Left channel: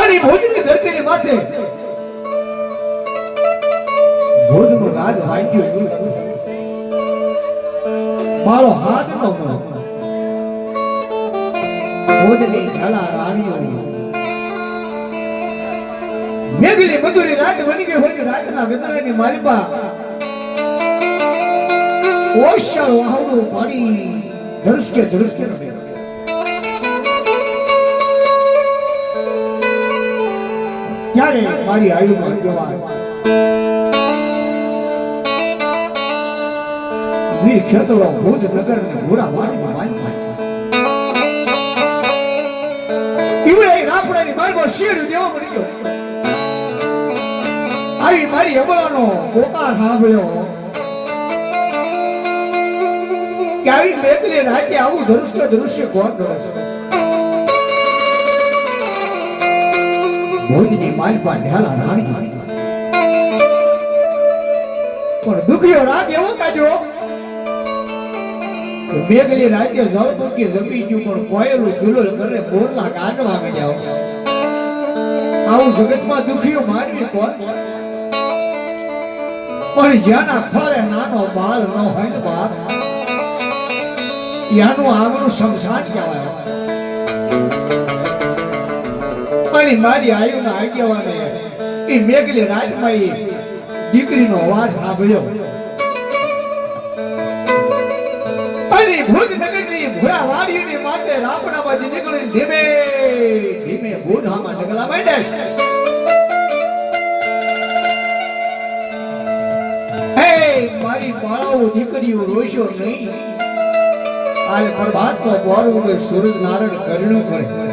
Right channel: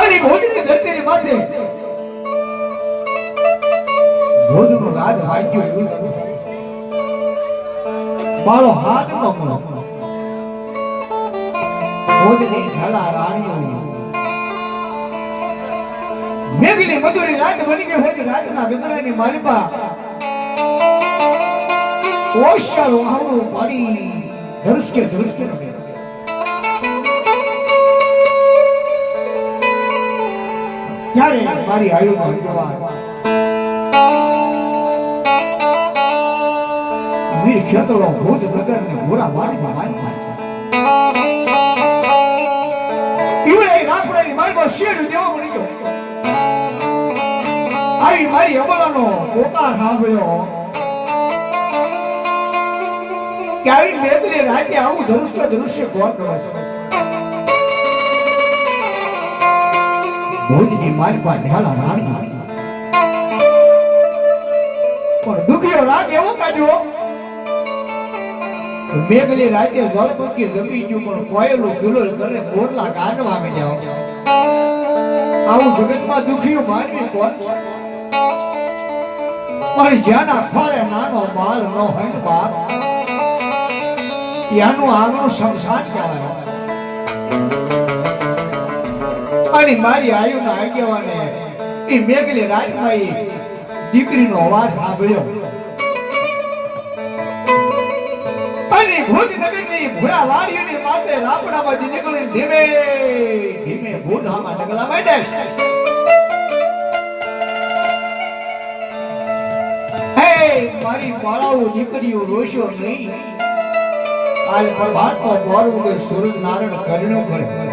અને ભુજની ધરતીની માથે ભુજનું રાજ હતું. મારો હાથ પકડો ભુજની ઢાલા રાણીઓ મેઘલી મધુરી રાત બની ગઈ ત્યારે મારી આયુમાં જોવા ક્ષેત્રો ભુજ નગર ને ભૂરા વાડીમાં માલિપા ઈવડે રાપડાની શેર દેવો મળી ગયો. આવી મારી અમળાનો પોકાર સાંભળ્યો. કે આવી રાતે આવું ધનુષ્ય ધનુષ્ય કોણ કરે છે. ભુજની માલપા ઢાલા રાણી. પણ દુખ્યો રાત એવો કાઢ્યો મેઘલી રાતે જળપંખી જમી ગયું, પણ કોયલું કિલોલ કરે કોરલા કાઢવા માંડ્યા. આવું જગતમાં દુખ્યું માનવી કોણ? પણ જ્યાંના ખોળે નાનો બાલ ન હંડ બાપ એનું આગનું સંસાર કહેવાય. અને મારી આયુના આગેવાને એ મેઘલી રાજમાં એ દીકરીનો અવાજ સાંભળ્યો. અને ભુજ નગરની ભૂરા વાડીની માથે રાપડામાંથી નીકળી ધીમે ધીમે ભૂનામાં ડગલા માંડ્યા હે, મારી બાળાઓ દીકરીઓ, રોશો નહીં. આલ પ્રભાતનો ગોરવ સૂરજ નારાયણ કરણું કરે.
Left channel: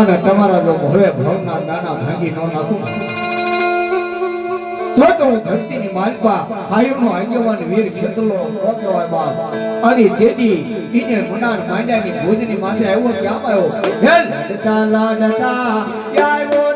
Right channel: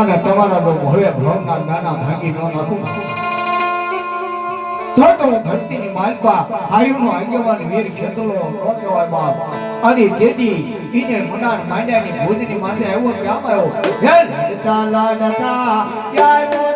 અને તમારા જો ભોળે ભવના નાના ભાગી ન નાખું. તો તો ધરતીની માલપા આયુનો આગેવાન વીર ક્ષેત્રો નોતો હોય બાપ. અને તેદી ઈને મનાર માંડ્યાની ભુજની માથે આવ્યો ક્યાં આવ્યો? હે લડતા લડતા આવ્યો?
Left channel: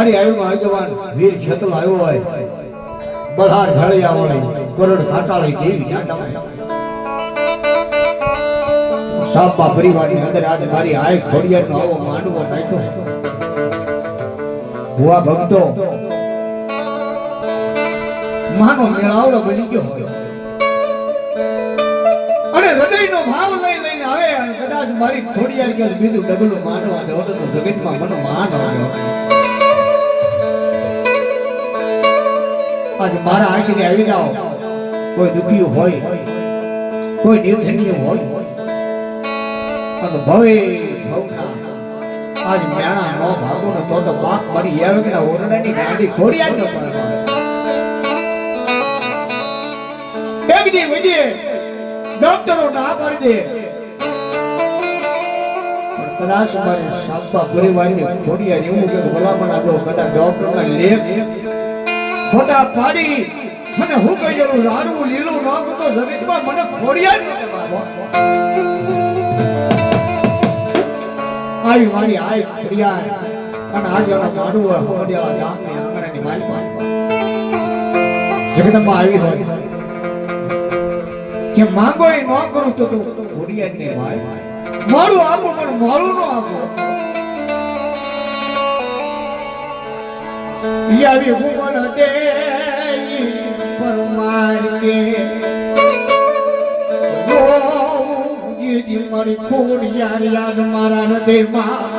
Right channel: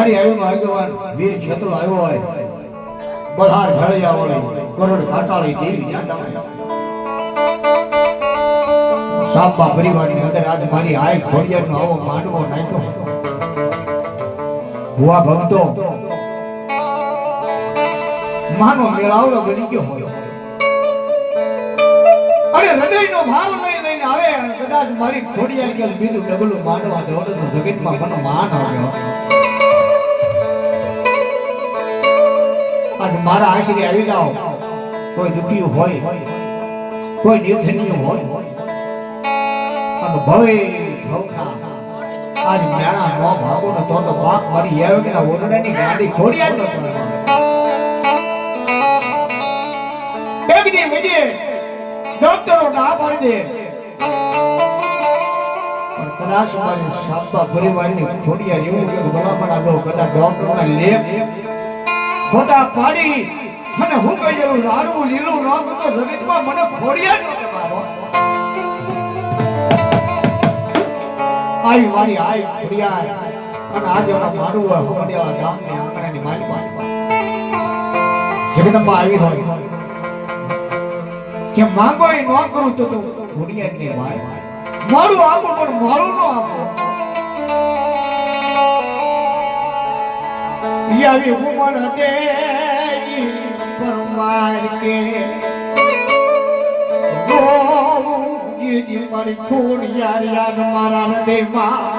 રાજભારી આવ્યો આગેવાન વીર છેતલો આવ્યો હોય. બલહાર ઢળિયા હોય કરોડ કાટાળી દેવી ન્યા સાપા પરિવારની અંદર આજ મારી આય ખોડિયાનો આવો માંડવો નાખ્યો. ભુવા ભક્તો, માનો મેળાવડો બની ગયો હોય. અને હૃદયનો ભાવ લઈ લઈને આવે અને કદાચ મારી ખોડિયાર કે બીજું ડબલું માનવા દો તો જગતમાં મને માન આવ્યો. આજે મારા આશરે આવી જાઓ. કોઈ દુખી હોય, કોઈ નિર્ધન્ય હોય અને ભવે આજ મેળા નો ભાગો ને તો તો પાક મારી એવકના ઓરડાની ગાડી ખોડિયાર ન પડે. એક દી વિજય ડોક્ટરો ના પાડી દે. કદાચ મારી સાપા પરિવારની ખોડિયા એવું કે ભલામણ આપણો કદાચ ડોક્ટરના લેખ ખોટા પાડી. મને હું કહેલું લાડવું લીલું નોગ તો જગતમાં મને ખોડિયાર ન બાબો. આવી મારી આઈ ખોડિયાર અને આજે ઓલા માનવું હમડિયાળા ગામની આંગણાની માલિકા જગદંબા આવી હોય. કે માંગો એ ન કરું તો તું ને ભાઈ મારું આપો પણ મારું ન આપો. યાવી હુમણ દે પરમાર કે મારી મારી ખોડિયાર યાદ મારા હૃદયમાં.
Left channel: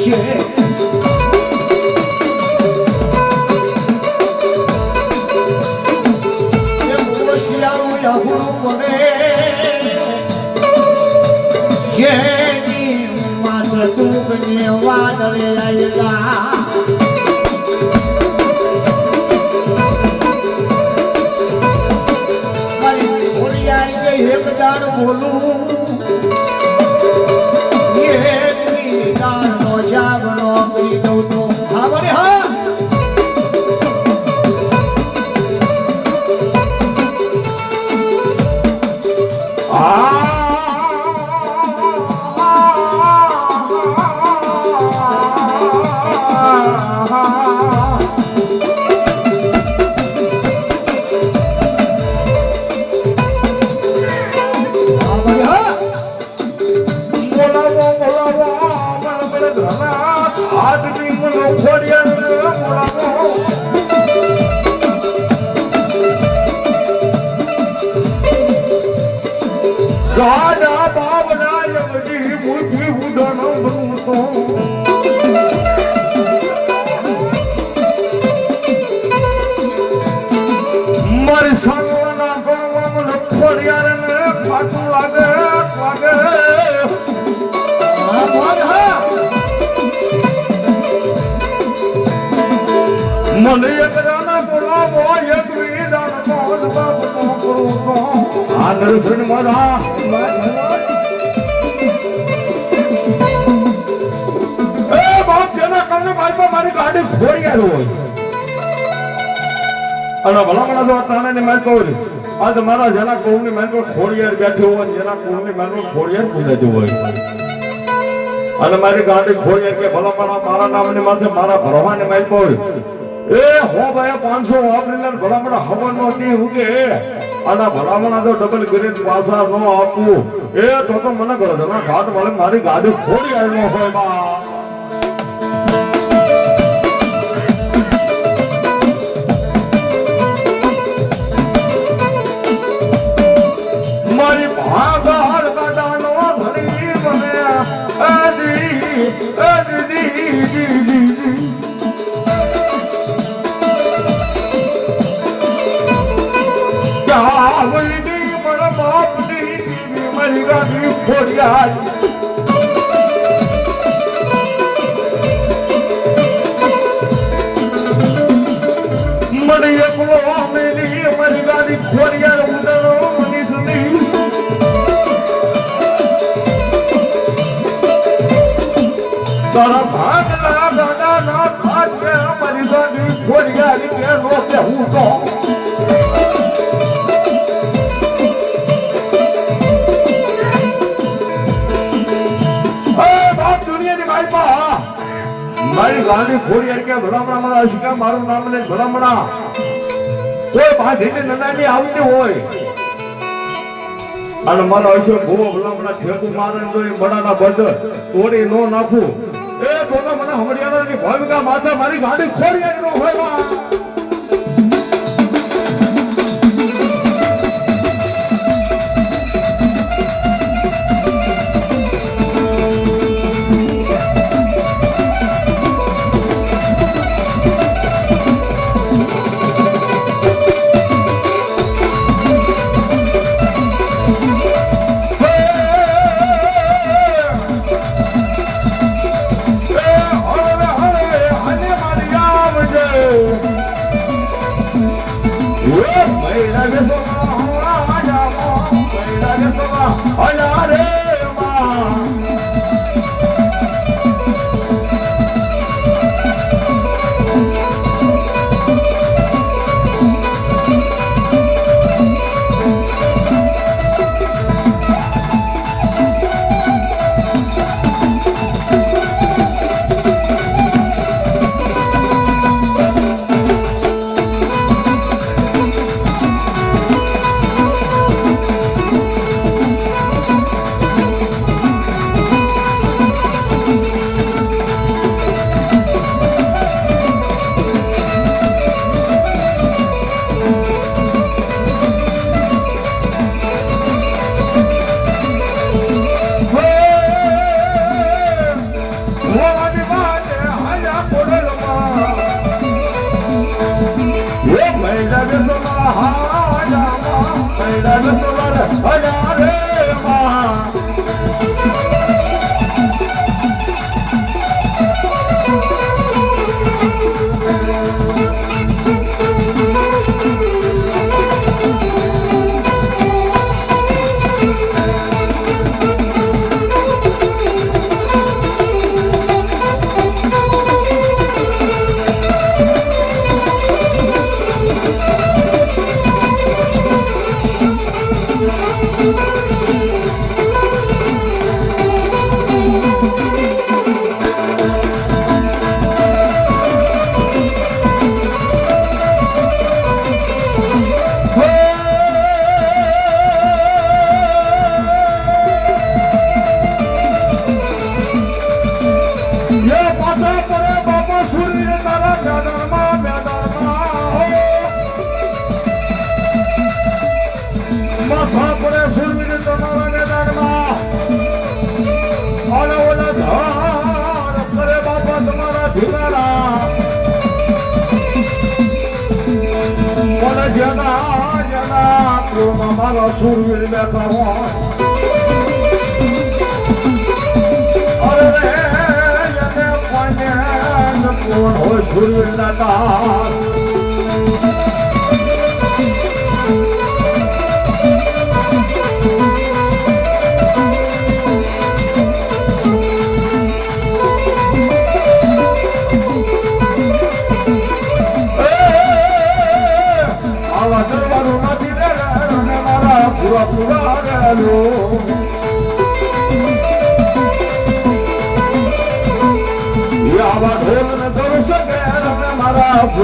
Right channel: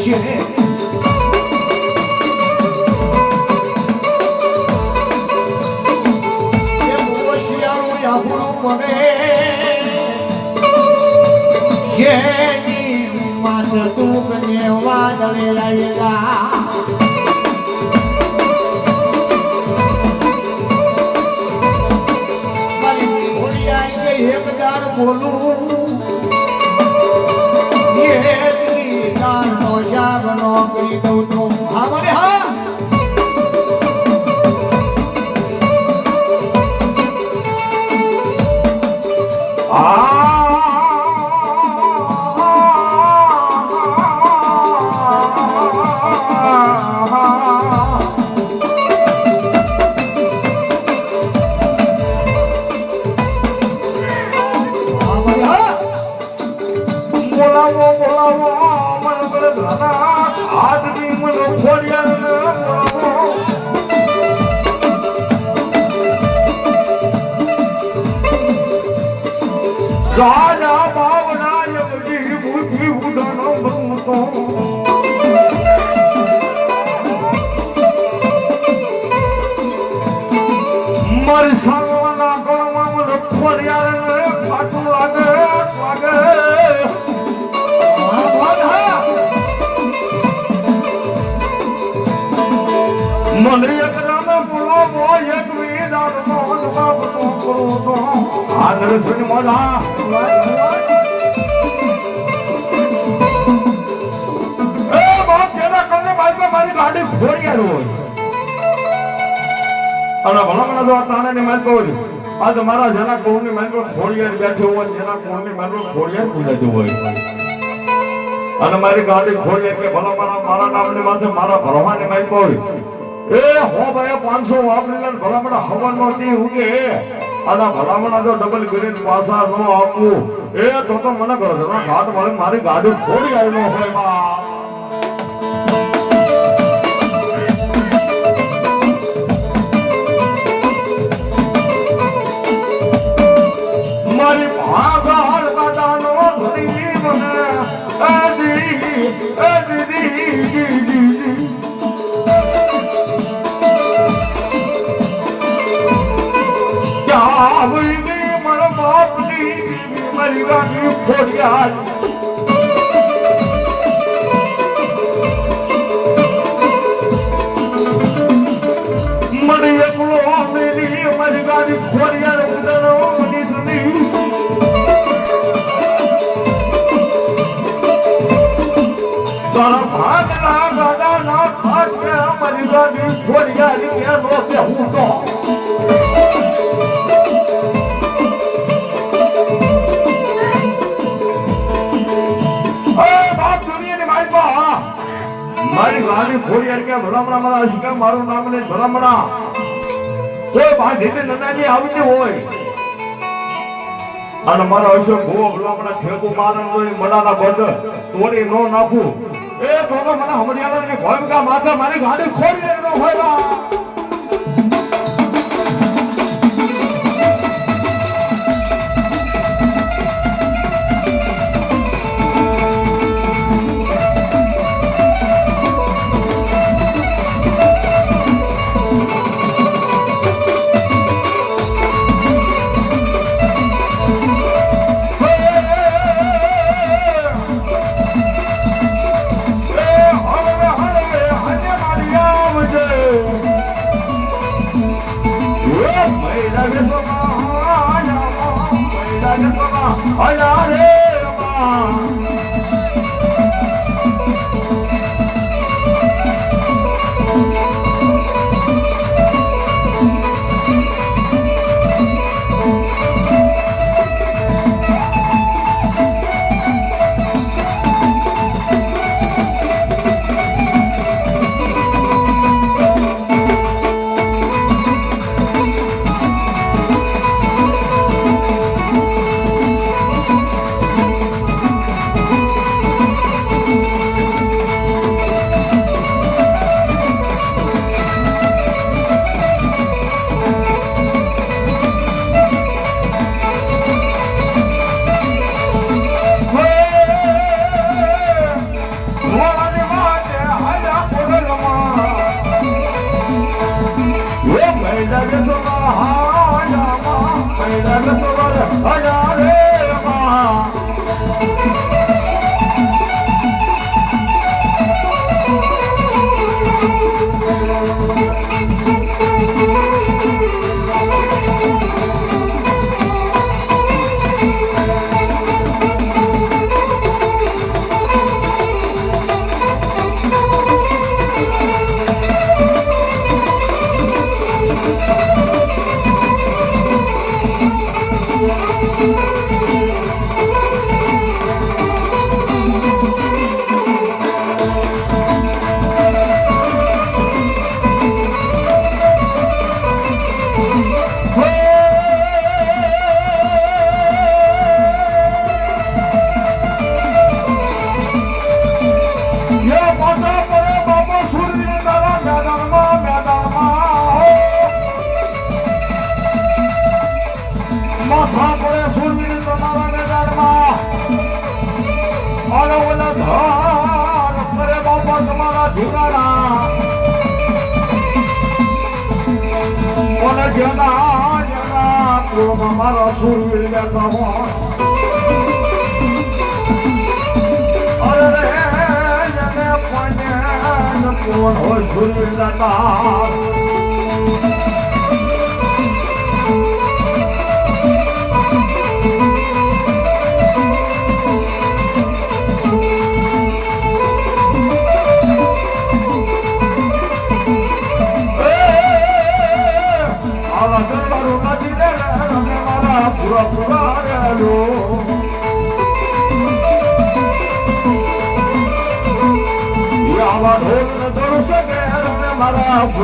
બની બોલાવો બોલાવો મને પેલા ઘણા હાથ બી મને ખોડિયા ભૂતો મારી સાંગવાના ગણમાં મને ખોડિયાર ને ફાટું લાગે લાગે. મને એક દાન બોલાવો એક વિદાન આ મારી ગાડી ફોડી આવ્યો હોય તો ની મારા જેના કોણની માલ ખોડિયાર બેઠું હોય જેના કોણની માલ ખોડિયાર હોય અને મારી ગાડી ભલા મને મારા નામની માથે મારા ભરવાની માલ કહું એ હો ભાઈ પાંચસો વાપરીને ભલામણ હવન નો દી ઉગે. અને ભલામણા તો ડબલ ગ્રેડ પાસા નો આપવું એ તો તો મને કરો ઘાટ વાળે મારી ગાડી ખોડી આવી ન હોય. તારા ભાગના ગાડા ના ભાગ્યા મારી ગાડી ખોડિયારી કે નો તે હું તો. ગાડી ખોડિયાર કે ભલામણા મારા શીખા મારું નામ ને ભલામણા. કોઈ બાંધીને નનાની આવતી હોય. અને મારા હશે ભૂવો ભલામણા ખેતું મારે તો એ બડાના બંધ. તોડી નો નાખું. એ તો મને મને હમડિયાળાની ભૂમિકા માથે મારી ગાડી ખોડી નો હોય જેના જેના કોમાં મારો ફૂલવીર બેઠો કોણ હોય ફૂલવીર બેઠા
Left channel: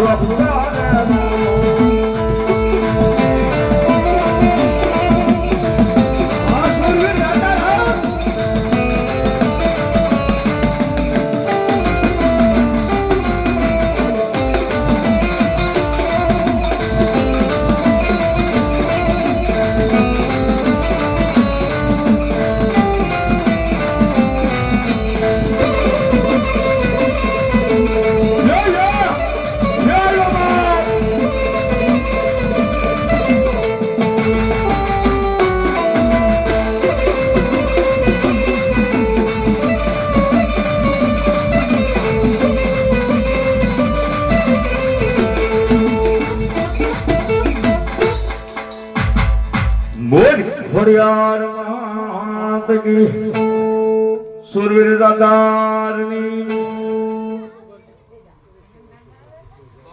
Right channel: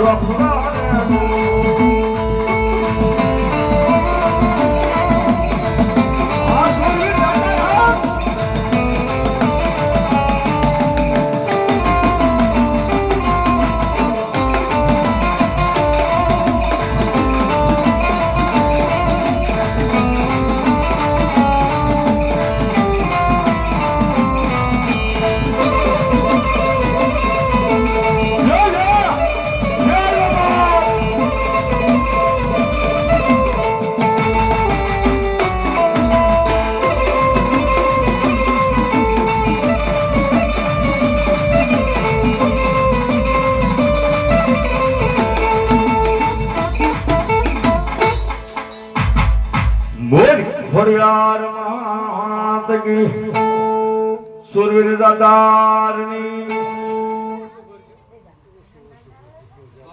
મારા પૂરા સુરવીર દાદારની